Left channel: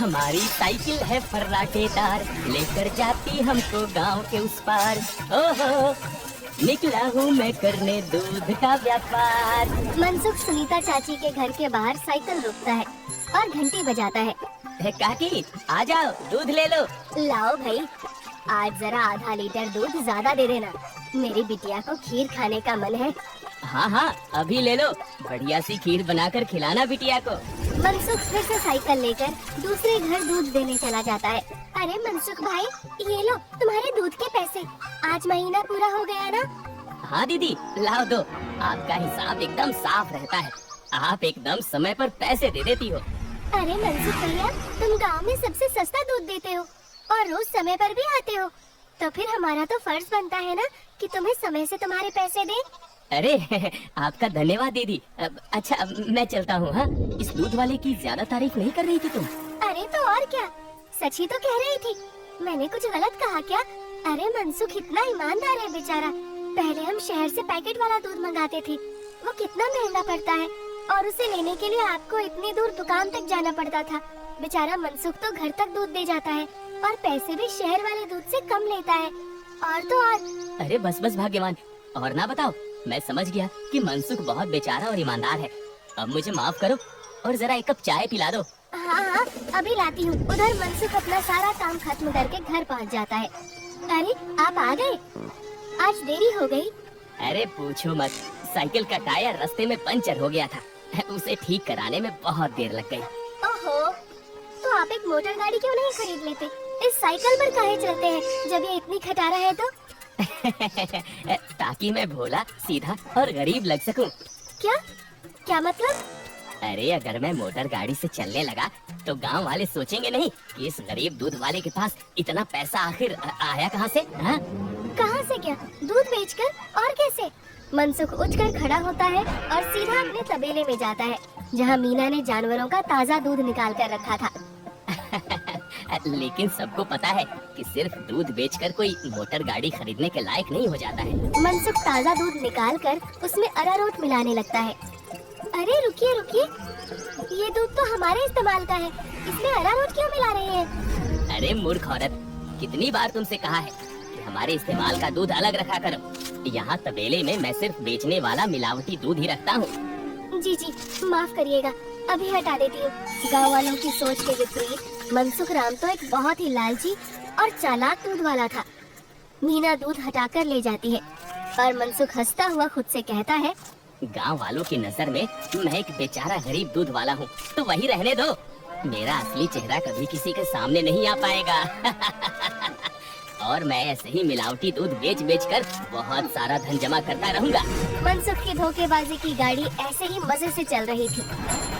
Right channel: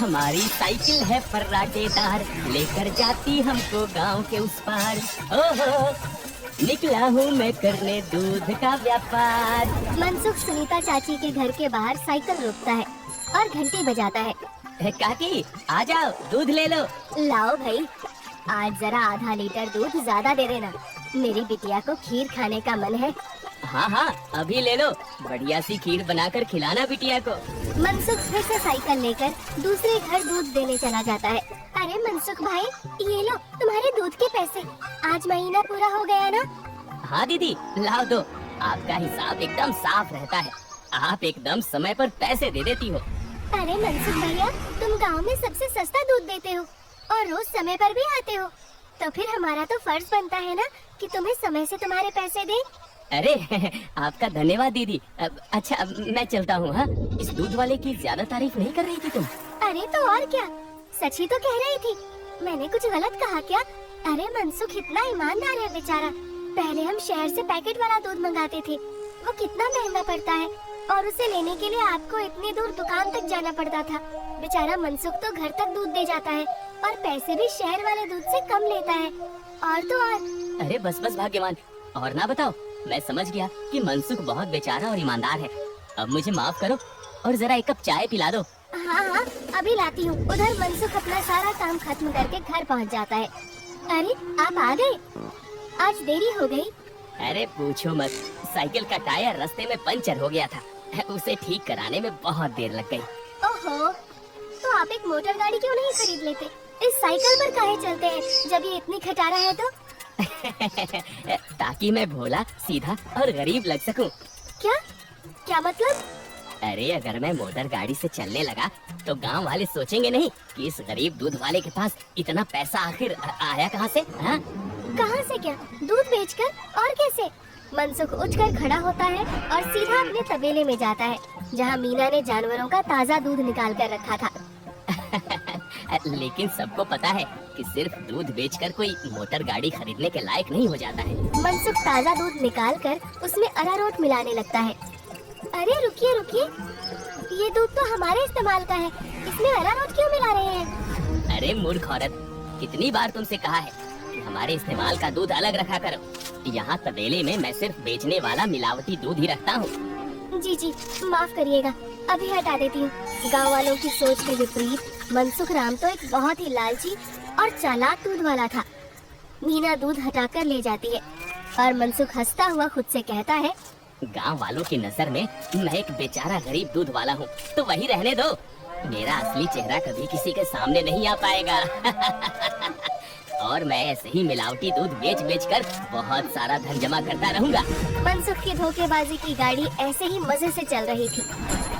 हमारी साइकिल है फर्राटेदार, लेकर जाती हमको गांव के उस पार। ओहो, निकला हूँ मैं करने दूध का व्यापार। मनसुख सुनीता चाची के घर के बाहर साइकिल रोकता है और घंटी बजाता है। काकी आ जाओ, दूध ले लो। लाओ भाई, आज जरा आधा लीटर दूध ज्यादा दे देना, मेरी बिटिया को खीर खाने का मन है। हाँ हाँ, अभी ले लो, बढ़िया सी खीर बनाकर खिलाना बिटिया को। मनसुख फिर से साइकिल लेकर दूसरे घर दूध देने चला जाता है। अरे मनसुख भाई, ये लो तुम्हारे दूध के पैसे, आज महीना पूरा हो गया ना? हाँ दीदी, लाओ दो, आपका हिसाब एकदम साफ रहता है, आप एकदम समय पर पैसे दे देती हो। अरे मनसुख भैया, तुम गांव में सबसे सस्ता दूध देते हो और रोज समय पर भी आते हो, तो फिर हमारा तो फर्ज बनता है ना कि तुम्हें समय से तुम्हारे पैसे दें। अरे आपका धन्यवाद दीदी। अच्छा मैं चलता हूँ। हाँ, इस दूध वाले की ज्यादा तारीफ नहीं कर रही थी तुम? अरे तो और क्या, सच ही तो कह रही थी, मैंने कुछ गलत कहा क्या? अरे मनसुख इतना ईमानदार है बेचारा, पहले हम शहर से पैकेट वाला दूध मंगाते थे, वो कितना महंगा पड़ता है और उसे लेने के लिए आपको इतनी दूर दुकान तक जाना पड़ता था। बेचारा मनसुख तो घर तक दूध दे जाता है और पैसे भी शहर वाले दूध से कम लेता है। और तो और। अरे बस बस भाग्यवान, और ना बताओ, मैं समझ गया कि मनसुख बहुत बेचारा और ईमानदार है। अब मुझे माफ करो और जरा एक कप चाय पिला दो। हाँ हाँ, अभी लाती हूँ। उधर मनसुख अपना सारा काम खत्म करके घर पहुँच जाता है। अरे आप आ गए, आज देरी हो गई। अरे पूछो मत, साइकिल का टायर रास्ते में पंचर हो गया था, उसे ठीक कराने में बहुत देर लग गई। ओहो, तो आप एक मोटर गाड़ी क्यों नहीं खरीद लेते? इस साइकिल पर काहे चलते हैं जब ये इतनी खटारा है तो? ताकि मैं भोला, सीधा और गरीब लग सकूं। क्या क्या मतलब? अरे अगर मैं मोटर गाड़ी से चलने लगा तो गांव वाले सोचेंगे नहीं कि इस गरीब दूध वाले के पास इतना पैसा आखिर आया कहां से? हाँ? कहां से क्या? दूध बेचकर? और कैसे? मनसुख उठकर खड़ा होता है और सीधा अपने तबेले में जाता है जहां मीना ने जानवरों का ताज़ा दूध निकाल कर रखा था। लेकिन सबको पता है कि सिर्फ दूध बेचकर कोई मोटर गाड़ी खरीदने के लायक नहीं हो जाता है। मनसुख ताज़ा दूध निकाल कर उसमें अरारोट मिलाने लगता है। अरे रुकिए रुकिए, ये दूध तो हमारे इस्तेमाल का है, इसमें अरारोट क्यों मिला रहे हैं? अरे मूर्ख औरत, कितनी बार तुमसे कहा है कि हमारे इस्तेमाल का दूध अलग रखा करो। यहाँ तबेले में मैं सिर्फ बेचने वाला मिलावटी दूध ही रखता हूँ। जी जी, माफ करिएगा, अभी हटा देती हूँ। गाँव वालों की सोच के विपरीत मनसुख राम तो एक बहुत ही लालची और चालाक दूध वाला था। मीना दूध हटाकर ले जाती है और मनसुख हंसता हुआ खुद से कहता है, गांव वालों की नजर में मैं एक बेचारा गरीब दूध वाला हूँ, तो वही रहने दो। मेरा असली चेहरा कभी किसी के सामने नहीं आ पाएगा। और मैं ऐसे ही मिलावटी दूध बेच बेच कर बहुत सारा धन जमा करता रहूंगा। मनसुख की धोखेबाजी की गाड़ी ऐसे ही मजे से चल रही थी।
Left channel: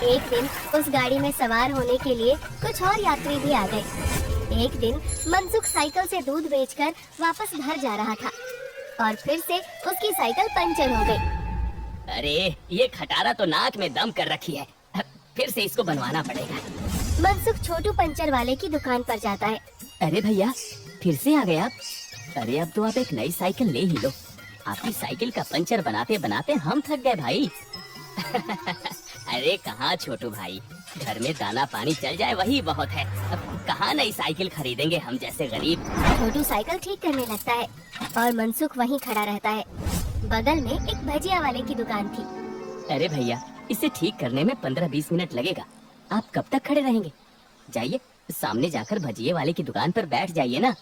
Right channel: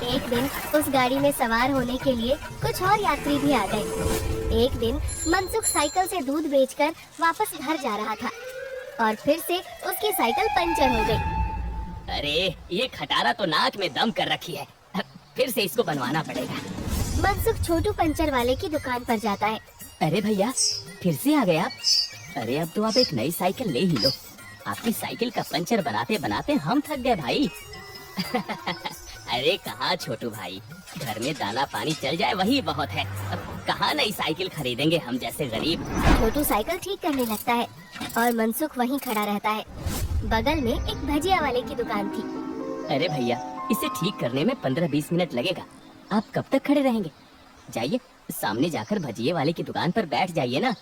एक दिन उस गाड़ी में सवार होने के लिए कुछ और यात्री भी आ गए। एक दिन मनसुख साइकिल से दूध बेचकर वापस घर जा रहा था और फिर से उसकी साइकिल पंचर हो गई। अरे ये खटारा तो नाक में दम कर रखी है, फिर से इसको बनवाना पड़ेगा। मनसुख छोटू पंचर वाले की दुकान पर जाता है। अरे भैया, फिर से आ गए आप? अरे अब तो आप एक नई साइकिल ले ही लो, आपकी साइकिल का पंचर बनाते बनाते हम थक गए भाई। अरे कहाँ छोटू भाई, घर में दाना पानी चल जाए वही बहुत है, कहाँ नई साइकिल खरीदेंगे हम जैसे गरीब। छोटू साइकिल ठीक करने लगता है और मनसुख वहीं खड़ा रहता है। बगल में एक भजिया वाले की दुकान थी। अरे भैया, इसे ठीक करने में 15-20 मिनट लगेगा, आप कब तक खड़े रहेंगे? जाइए सामने जाकर भजिए वाले की दुकान पर बैठ जाइए ना।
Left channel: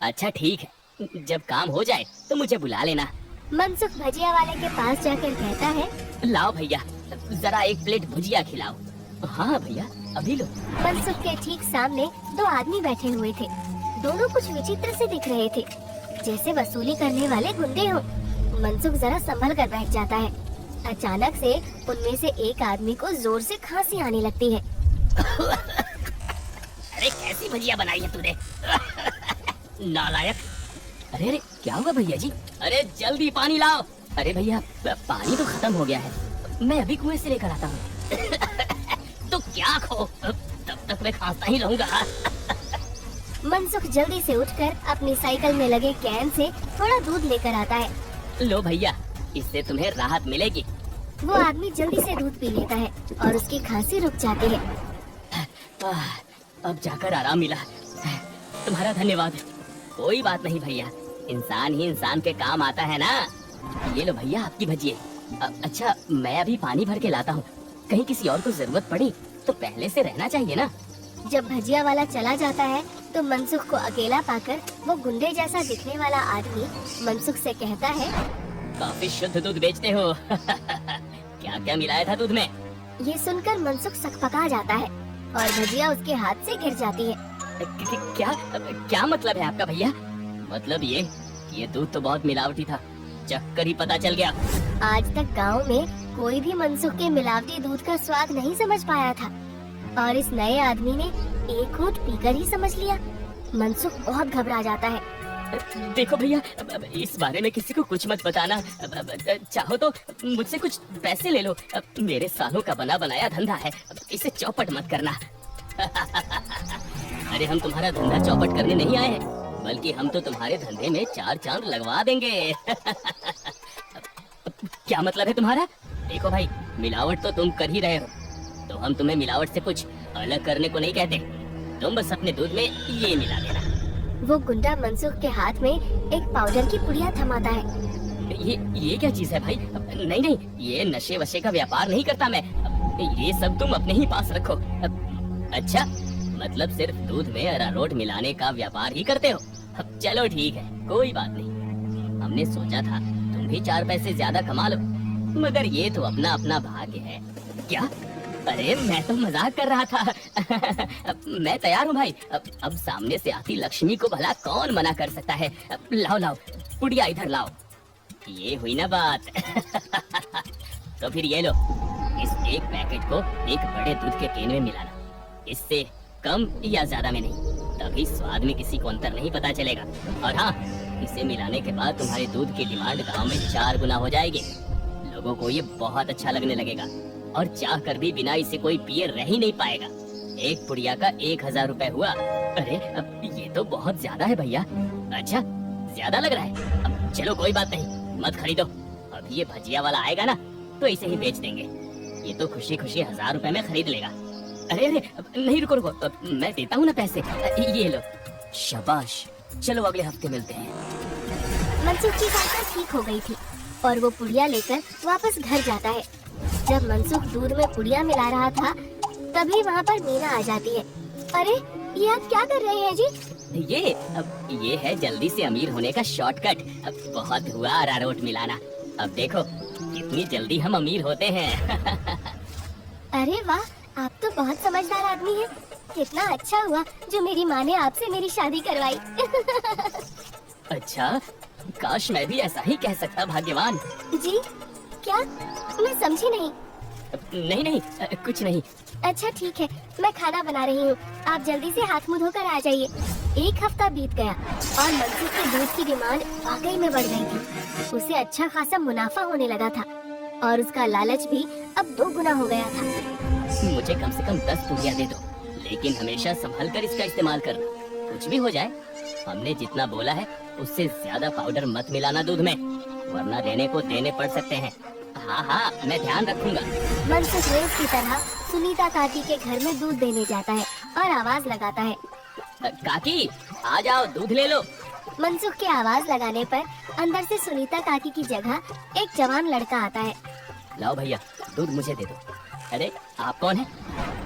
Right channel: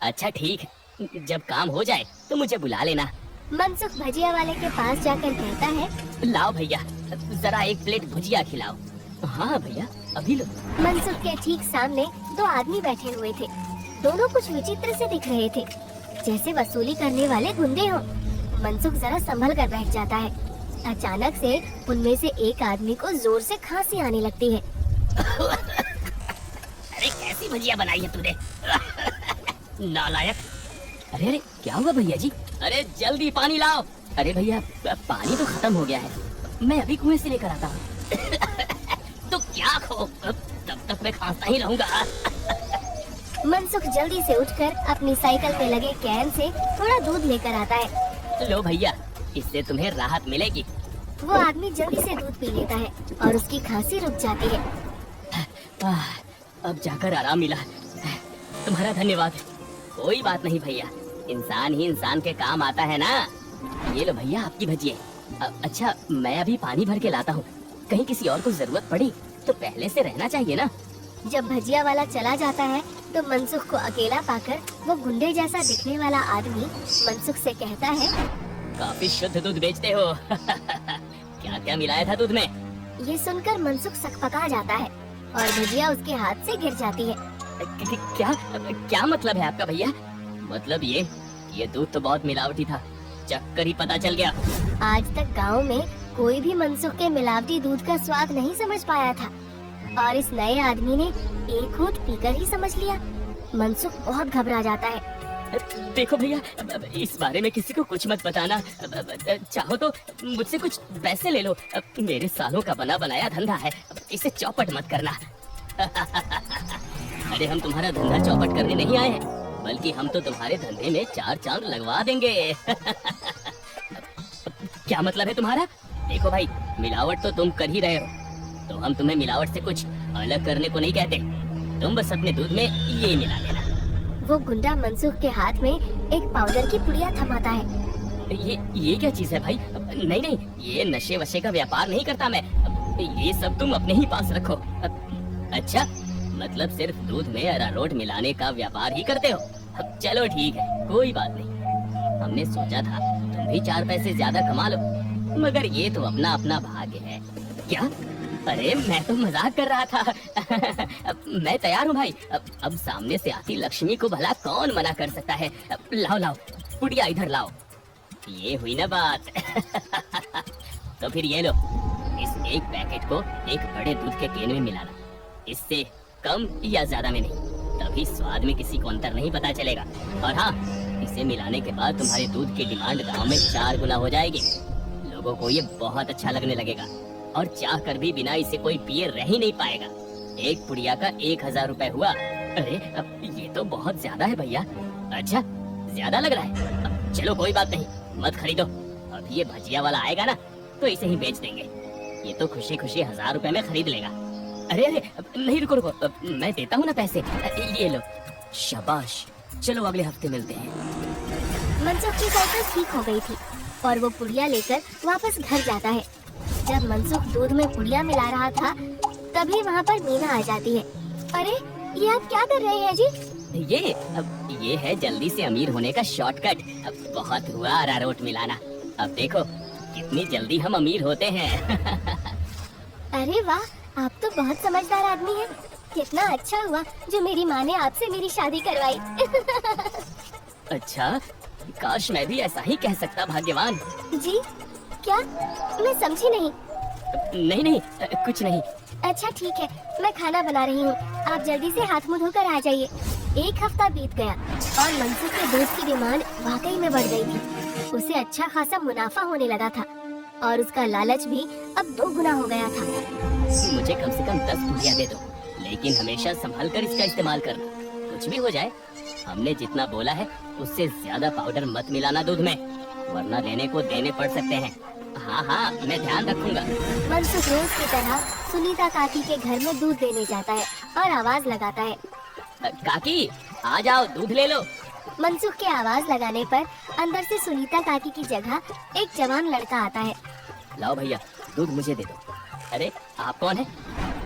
अच्छा ठीक है, जब काम हो जाए तो मुझे बुला लेना। मनसुख भजिया वाले के पास जाकर कहता है, लाओ भैया, जरा एक प्लेट भुजिया खिलाओ। हाँ भैया, अभी लो। मनसुख के ठीक सामने दो आदमी बैठे हुए थे। दोनों कुछ विचित्र से दिख रहे थे, जैसे वसूली करने वाले गुंडे हो। मनसुख जरा संभल कर बैठ जाता है। अचानक से उनमें से एक आदमी को जोर से खांसी आने लगती है। अरे कैसी भुजिया बनाई है तूने? नालायक। अरे अरे क्या हुआ भैया जी? अरे जल्दी पानी लाओ। अरे भैया, पानी तो खत्म हो गया है, मैं अभी कुएं से लेकर आता हूँ। तो क्या खो, तब तक मैं खांसता ही रहूंगा। मनसुख जल्दी से उठकर अपनी साइकिल में लगे कैन से थोड़ा दूध लेकर आता है। लो भैया, इससे तुम्हें राहत मिलेगी। वो आदमी जल्दी से दूध पी लेता है और उसकी खांसी रुक जाती है। अब जाकर आराम मिला। तुम्हारा धन्यवाद। कोई बात नहीं भैया, इंसान ही इंसान के काम आता है ना। ये लो भैया आपकी भजिए। अच्छा मैं अभी पानी भर के लाता हूँ, कहीं किसी और को जरूरत पड़ी तो पहले से रहना चाहिए ना। जब भजिया वाला चला जाता है तो मनसुख को अकेला पाकर वो गुंडे जैसा दिखने वाला आदमी मनसुख से कहता है, काफी शुद्ध दूध बेचते हो। क्या क्या मिलाया था दूध में? ये सुनकर मनसुख सकपका जाता है और भजिया उसके हाथ से गिर जाती है। क्या क्या मतलब है आपका भैया? मतलब ये दूध तो बहुत मिलावटी था, चक्कर ही पता चल गया। आज तक गांव में कोई भी मनसुख के मिलावटी दूध का स्वाद नहीं समझ पाया था और इस नए आदमी ने एक घूंट पीकर ही समझ लिया। मनसुख बहुत घबरा जाता है। देखो भैया, इस बारे में किसी को कुछ मत बताना। चाहो तो मुझसे कुछ पैसे ले लो, मेरे सालों का बना बनाया धंधा है, इसे चौपट मत करना। अरे हम तुम्हारा धंधा चौपट करने नहीं आए, बल्कि हम तो तुम्हारे धंधे में 4 चांद लगवा देंगे। क्या मतलब है तुम्हारा? देखो भाई, मिलावट तो तुम कर ही रहे हो, तो हम तुम्हें मिलावट से कुछ अलग करने को नहीं कहते। तुम बस अपने दूध में ये मिला लेना। वो गुंडा मनसुख के हाथ में एक पाउडर की पुड़िया थमाता है। ये क्या चीज है भाई? नहीं नहीं, ये नशे वशे का व्यापार नहीं करता मैं, ये सब तुम अपने ही पास रखो। अच्छा, मतलब सिर्फ दूध में अरारोट मिलाने का व्यापार ही करते हो? चलो ठीक है, कोई बात नहीं। हमने सोचा था तुम भी 4 पैसे ज्यादा कमा लो, मगर ये तो अपना अपना भाग्य है। क्या? अरे मैं तो मजाक कर रहा था। मैं तैयार हूँ भाई। अब सामने से आती लक्ष्मी को भला कौन मना कर सकता है। लाओ लाओ पुड़िया इधर लाओ। ये हुई ना बात। तो फिर ये लो, इस एक पैकेट को एक बड़े दूध के टीन में मिलाना, इससे कम या ज्यादा में नहीं, तभी स्वाद में किसी को अंतर नहीं पता चलेगा। और हाँ, इसे मिलाने के बाद तुम्हारे दूध की डिमांड गांव में 4 गुना हो जाएगी। लोगों को ये बहुत अच्छा लगने लगेगा और चाह कर भी बिना इसे कोई पिए रह ही नहीं पाएगा। एक पुड़िया का 1000 रुपए हुआ। अरे अब ये तो बहुत ज्यादा है भैया। अच्छा, ज्यादा लग रहा है? अब चलो कोई बात नहीं, मत खरीदो। अब ये भजिया वाला आएगा ना तो इसे ही बेच देंगे। ये तो खुशी खुशी 1000 रुपए में खरीद लेगा। अरे अरे नहीं, रुको रुको, मैं देता हूँ ना पैसे। ये लो। शाबाश, चलो अगले हफ्ते मिलते हैं। मनसुख की साइकिल ठीक हो गई थी और वो पुड़िया लेकर वापस घर जाता है। जब मनसुख दूध में पुड़िया मिला रहा था, तभी वहाँ पर मीना आ जाती है। अरे ये आप क्या कर रहे हैं जी? ये है जल्दी से अमीर होने का शॉर्टकट। बहुत हुआ अरारोट मिलाना, अब देखो कितनी जल्दी हम अमीर होते हैं। अरे वाह, आप तो बहुत समझदार आदमी हैं। कितना अच्छा हुआ जो मेरी माँ ने आपसे मेरी शादी करवाई। अच्छा, काश मैं भी ऐसा ही कह सकता, भाग्यवान। जी क्या? मैं समझी नहीं। नहीं नहीं, कुछ नहीं। अच्छा ठीक है, मैं खाना बना रही हूँ, आप जल्दी से हाथ मुँह धोकर आ जाइए। 1 हफ्ता बीत गया और मनसुख के दूध की डिमांड वाकई में बढ़ गई थी। उसे अच्छा खासा मुनाफा होने लगा था और उसका लालच भी अब 2 गुना हो गया था। मुझे कम से कम 10 पुड़िया दे दो, लेकिन हमेशा संभल कर इसका इस्तेमाल करना। कुछ भी हो जाए, हमने जितना बोला है उससे ज्यादा पाउडर मत मिलाना दूध में, वरना देने को देने पड़ सकते हैं। हाँ हाँ, मैं ध्यान रखूंगा। मनसुख रोज की तरह सुनीता काकी के घर में दूध देने जाता है और आवाज लगाता है, काकी आ जाओ, दूध ले लो। मनसुख की आवाज लगाने पर अंदर से सुनीता काकी की जगह एक जवान लड़का आता है। लाओ भैया, दूध मुझे दे दो। अरे आप कौन है?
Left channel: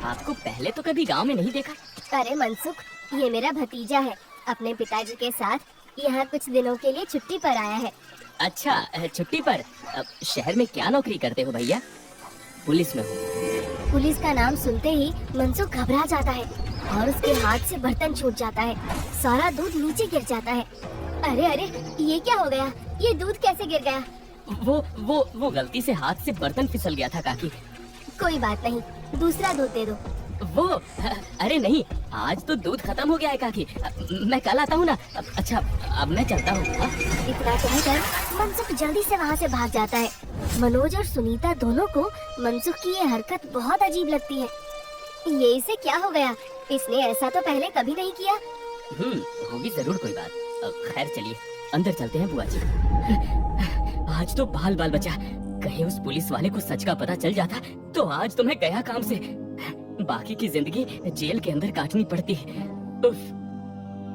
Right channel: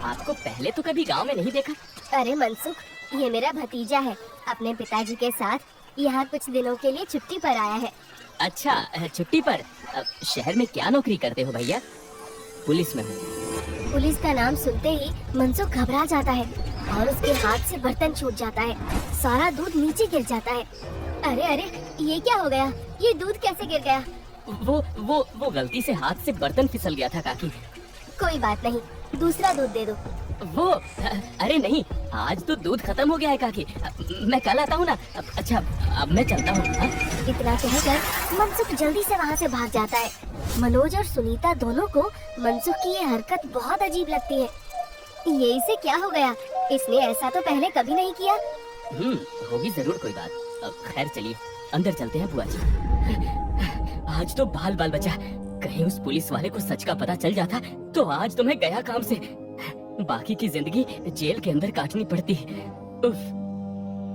आपको पहले तो कभी गांव में नहीं देखा। अरे मनसुख, ये मेरा भतीजा है, अपने पिताजी के साथ यहाँ कुछ दिनों के लिए छुट्टी पर आया है। अच्छा, छुट्टी पर? अब शहर में क्या नौकरी करते हो भैया? पुलिस में हूँ। पुलिस का नाम सुनते ही मनसुख घबरा जाता है और उसके हाथ से बर्तन छूट जाता है, सारा दूध नीचे गिर जाता है। अरे अरे, ये क्या हो गया? ये दूध कैसे गिर गया? वो गलती से हाथ से बर्तन फिसल गया था काकी। कोई बात नहीं, दूसरा दूध दे दो। अरे नहीं, आज तो दूध खत्म हो गया है काकी, मैं कल आता हूँ ना। अच्छा, अब मैं चलता हूँ। इतना कहकर मनसुख जल्दी से वहाँ से भाग जाता है। मनोज और सुनीता दोनों को मनसुख की ये हरकत बहुत अजीब लगती है। ये इसे क्या हो गया? इसने ऐसा तो पहले कभी नहीं किया। होगी जरूर कोई बात। खैर चलिए अंदर चलते हैं बुआ जी। आज तो बाल बाल बचा, कहीं उस पुलिस वाले को सच का पता चल जाता तो आज तो मैं गया काम से। बाकी की जिंदगी जेल के अंदर काटनी पड़ती है। उफ।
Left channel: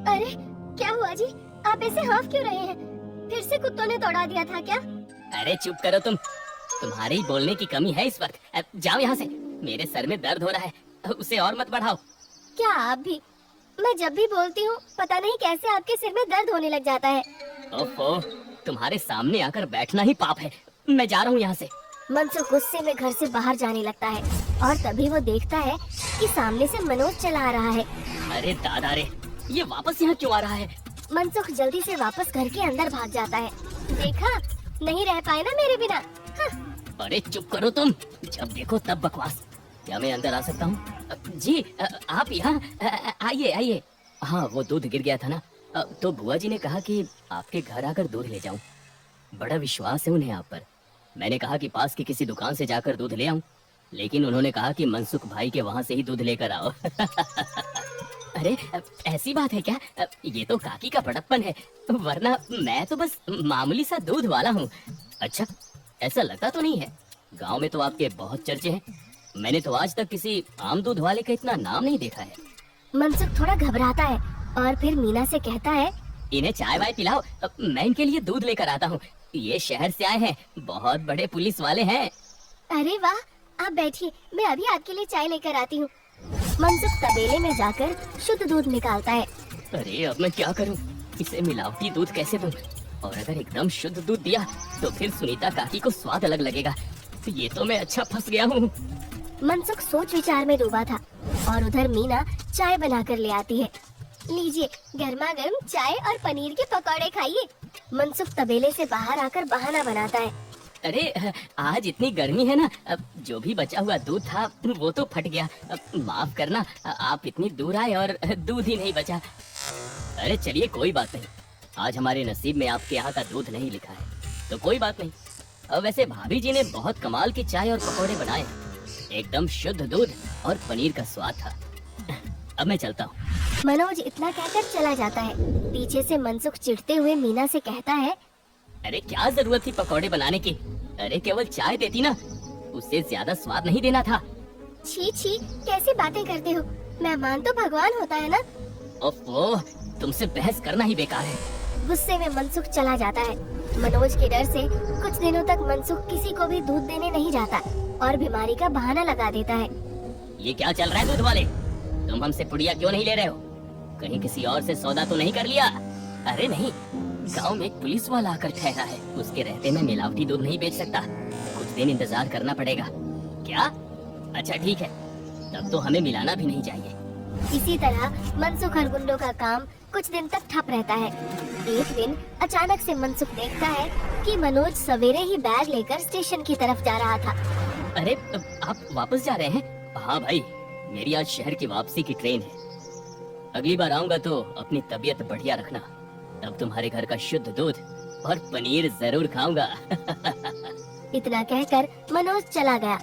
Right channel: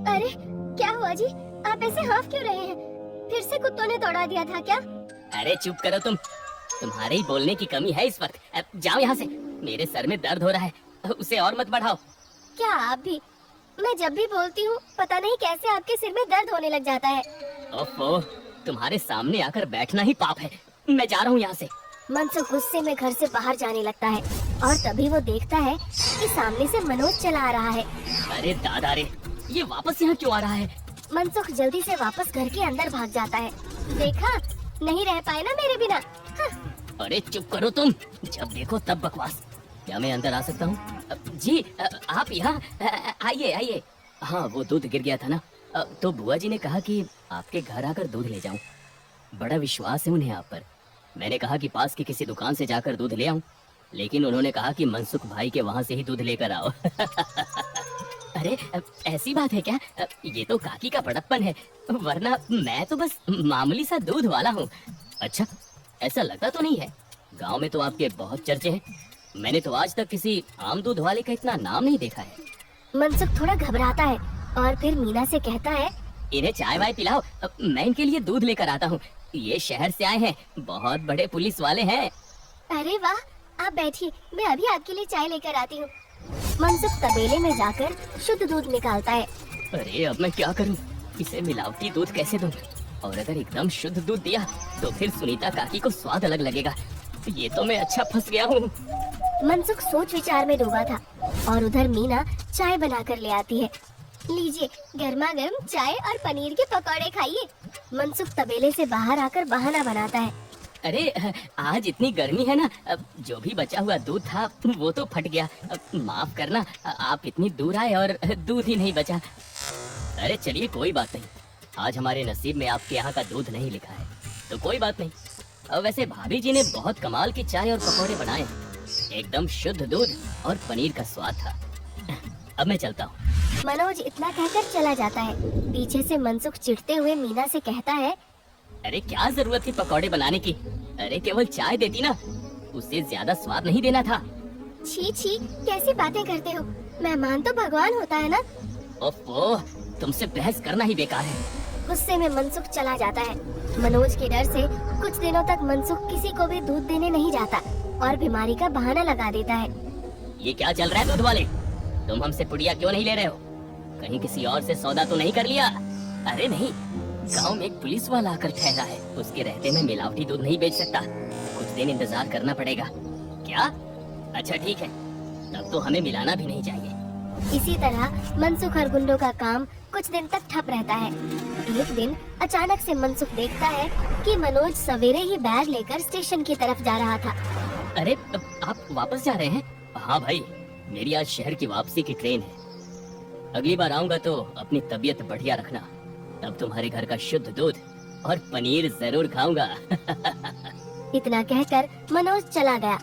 अरे क्या हुआ जी, आप ऐसे हाँफ क्यों रहे हैं? फिर से कुत्तों ने तोड़ा दिया था क्या? अरे चुप करो तुम, तुम्हारे ही बोलने की कमी है इस वक्त। अब जाओ यहाँ से, मेरे सर में दर्द हो रहा है, उसे और मत बढ़ाओ। क्या आप भी? मैं जब भी बोलती हूँ पता नहीं कैसे आपके सिर में दर्द होने लग जाता है। ओफो, तुम्हारे सामने आकर बैठना ही पाप है। मैं जा रहा हूँ यहाँ से। मनसुख गुस्से में घर से बाहर जाने लगता है और तभी वो देखता है कि सामने से मनोज चला आ रहा है। अरे दादा रे, ये वापस यहाँ क्यों आ रहा है? मनसुख जल्दी से वापस घर के अंदर भाग जाता है। देखा, नहीं रह पाए ना मेरे बिना। अरे चुप करो तुम, जब देखो तब बकवास। क्या मैं अंदर आ सकता हूँ? जी आप यहाँ आइए आइए। हाँ, वो दूध गिर गया था ना, तो बुआ जी ने कहा कि आपके घर आकर दूध ले जाऊं। बड़ा विश्वास है उन्हें आप पर। मैंने कहा कि पास की किसी दुकान से जाकर दूध ले आऊं, लेकिन उन्होंने कहा कि मनसुख भाई के वहाँ से ही दूध लेकर आओ। अरे ऐसी बात है क्या? ये तो काकी का बड़प्पन है, वरना मैं तो बस मामूली सा दूध वाला हूँ। अच्छा, ऐसा लगता तो नहीं है। गांव में तो आपके बहुत चर्चे हैं, मैंने तो आज तक किसी आम दूध वाले का इतना नाम नहीं देखा है। मनसुख थोड़ा घबराता है और फिर मीना से कहता है, इन्हें चाय वाय पिलाओ, मैं इनके लिए दूध लेकर आता हूँ। ये शहर से आए हैं, बहुत बड़े पुलिस वाले हैं। अरे वाह, आप बैठिए, मैं अभी आपके लिए चाय लेकर आती हूँ। मनसुख तबेले में जाकर शुद्ध दूध निकालता है। अरे अब मैं क्या करूँ, इसे मिलावटी दूध कैसे दूँ? और अगर एकदम शुद्ध दूध दिया तो फिर सुनीता काकी को स्वाद अलग लगेगा। ये तो मैं अच्छा फंस गया हूँ। मनसुख सोच विचार में डूबा था और उधर मीना चाय बनाकर ले आती है। लीजिए, गर्मा गर्म चाय और पनीर के पकौड़े खाइए। मनसुख तबेले से बाहर आकर बहाना बनाता है। अरे आज इतनी गर्मी है ना, अब जो भी बचा हुआ दूध था वो तो फट गया। माफ करना, आप इतनी दूर आए और दूध ही नहीं बचा। अरे चलिए, कोई बात नहीं, आज हमारे नसीब में आपके यहाँ का दूध नहीं लिखा है, तो कोई बात नहीं। वैसे भाभी जी ने बहुत कमाल की चाय और पकौड़े बनाए, एकदम शुद्ध दूध और पनीर का स्वाद था। अब मैं चलता हूँ। मनोज इतना कहकर चला जाता है। पीछे से मनसुख चिढ़ते हुए मीना से कहता है, अरे क्या जरूरत थी पकौड़े बनाने की? अरे केवल चाय देती ना, उससे ज्यादा स्वाद नहीं देना था। छी छी, कैसी बातें करते हो? मेहमान तो भगवान होता है ना। ओफो, तुमसे बहस करना ही बेकार है। गुस्से में मनसुख चला जाता है। मनोज के डर से कुछ दिनों तक मनसुख किसी को भी दूध देने नहीं जाता और बीमारी का बहाना लगा देता है। ये क्या चल रहा है दूध वाले? तुम हमसे पुड़िया क्यों नहीं ले रहे हो? कहीं किसी और से सौदा तो नहीं कर लिया? अरे नहीं, गांव में एक पुलिस वाला आकर ठहरा है, उसके रहते मैं मिलावटी दूध नहीं बेच सकता। कुछ दिन इंतजार करना पड़ेगा। क्या? अच्छा ठीक है, तब तो हमें मिलाना भी नहीं चाहिए। इसी तरह मनसुख और गुंडों का काम कुछ दिन तक ठप रहता है। एक दिन अचानक से मनसुख देखता है कि मनोज सवेरे ही बैग लेकर स्टेशन की तरफ जा रहा था। अरे आप वापस जा रहे हैं? हाँ भाई, मेरी आज शहर की वापसी की ट्रेन है। अगली बार आऊंगा तो अपनी तबीयत बढ़िया रखना। अब तुम्हारे घर का शुद्ध दूध और पनीर जरूर खाऊंगा। इतना कहकर मनोज चला गया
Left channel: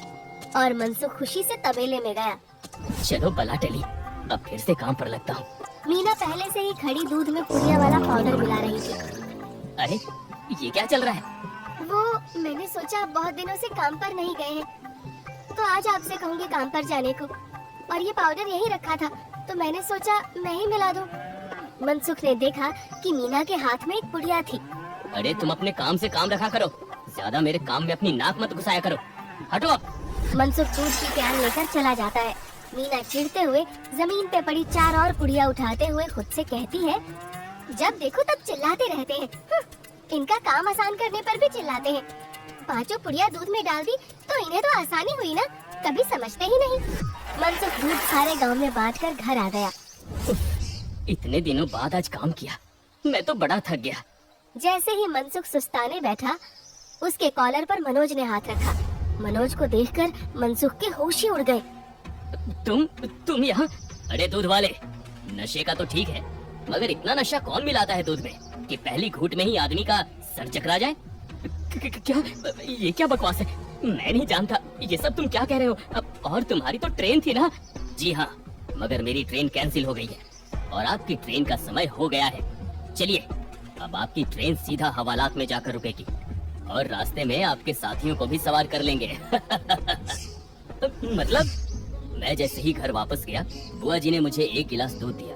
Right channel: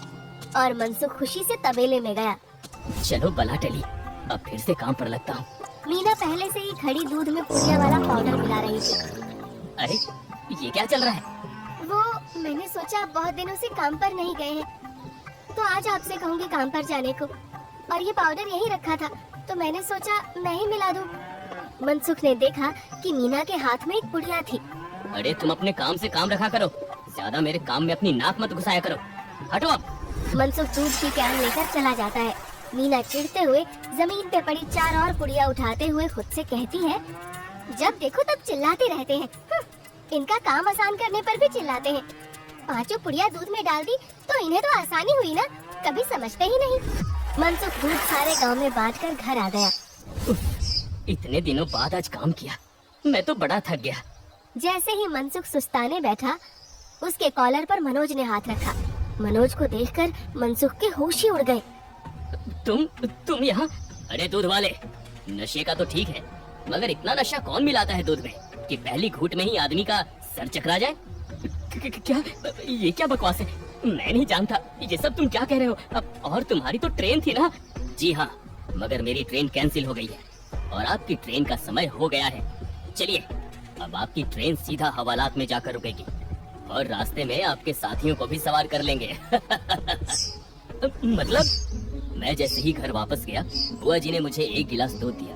और मनसुख खुशी से तबेले में गया। चलो बला टली, अब फिर से काम पर लगता हूँ। मीना पहले से ही खड़ी दूध में पुड़िया वाला पाउडर मिला रही थी। अरे ये क्या चल रहा है? वो मैंने सोचा बहुत दिनों से काम पर नहीं गए हैं, तो आज आपसे कहूँगी काम पर जाने को। और ये पाउडर यहीं रखा था, तो मैंने सोचा मैं ही मिला दूं। मनसुख ने देखा कि मीना के हाथ में एक पुड़िया थी। अरे तुम अपने काम से काम रखा करो, ज्यादा मेरे काम में अपनी नाक मत घुसाया करो। हटो आप। मनसुख दूध की कैन लेकर चला जाता है। मीना चिढ़ते हुए जमीन पे पड़ी 4 और पुड़िया उठाते हुए खुद से कहती है, जब देखो तब चिल्लाते रहते हैं। इनका काम आसान करने पर भी चिल्लाते हैं। 5 पुड़िया दूध में डाल दी तो इन्हें तो आसानी हुई ना, कभी समझते ही नहीं। मनसुख दूध सारे गांव में बांटकर घर आ गया। इतने दिनों बाद आज काम किया, मैं तो बड़ा थक गया। जैसे ही मनसुख सुस्ताने बैठा, उसके कॉलर पर मनोज ने हाथ रखा। मनोज को देखकर मनसुख के होश ही उड़ गए। तुम यहाँ? अरे दूध वाले, नशे का तो ठीक है, मगर इतना नशा कौन मिलाता है दूध में कि पहली घूंट में ही आदमी का सर चकरा जाए? क्या ये क्या बकवास है? मैं नहीं जानता ये सब तुम क्या कह रहे हो। अब और तुम्हारी तो ट्रेन थी ना? जी हाँ, मगर मेरी ट्रेन कैंसिल हो गई है और आपकी ट्रेन का समय हो गया है। चलिए, अब आपकी ट्रेन सीधा हवालात में जाकर रुकेगी और रास्ते में आपके साथियों को भी सवार कर लेंगे। मतलब मैं जैसे ही घर वापस गया, बुआ जी ने मुझे 1 गिलास दूध दिया।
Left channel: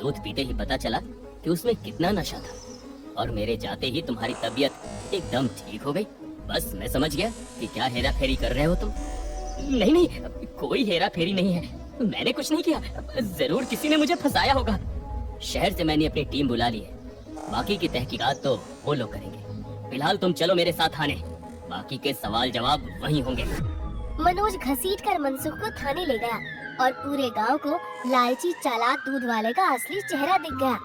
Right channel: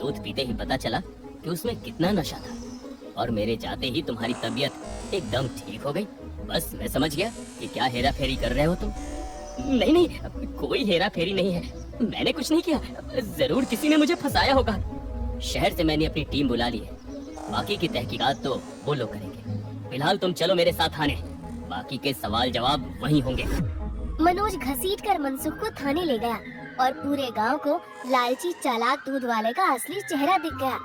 दूध पीते ही पता चला कि उसमें कितना नशा था, और मेरे जाते ही तुम्हारी तबीयत एकदम ठीक हो गई। बस मैं समझ गया कि क्या हेरा फेरी कर रहे हो तुम। नहीं नहीं, कोई हेरा फेरी नहीं है, मैंने कुछ नहीं किया। जरूर किसी ने मुझे फंसाया होगा। शहर से मैंने अपनी टीम बुला ली है, बाकी की तहकीकात तो वो लोग करेंगे। फिलहाल तुम चलो मेरे साथ थाने, बाकी के सवाल जवाब वहीं होंगे। मनोज घसीटकर मनसुख को थाने ले गया और पूरे गांव को लालची चालाक दूध वाले का असली चेहरा दिख गया।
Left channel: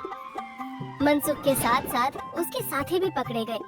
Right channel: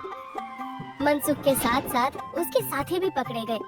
मनसुख के साथ साथ उसके साथी भी पकड़े गए।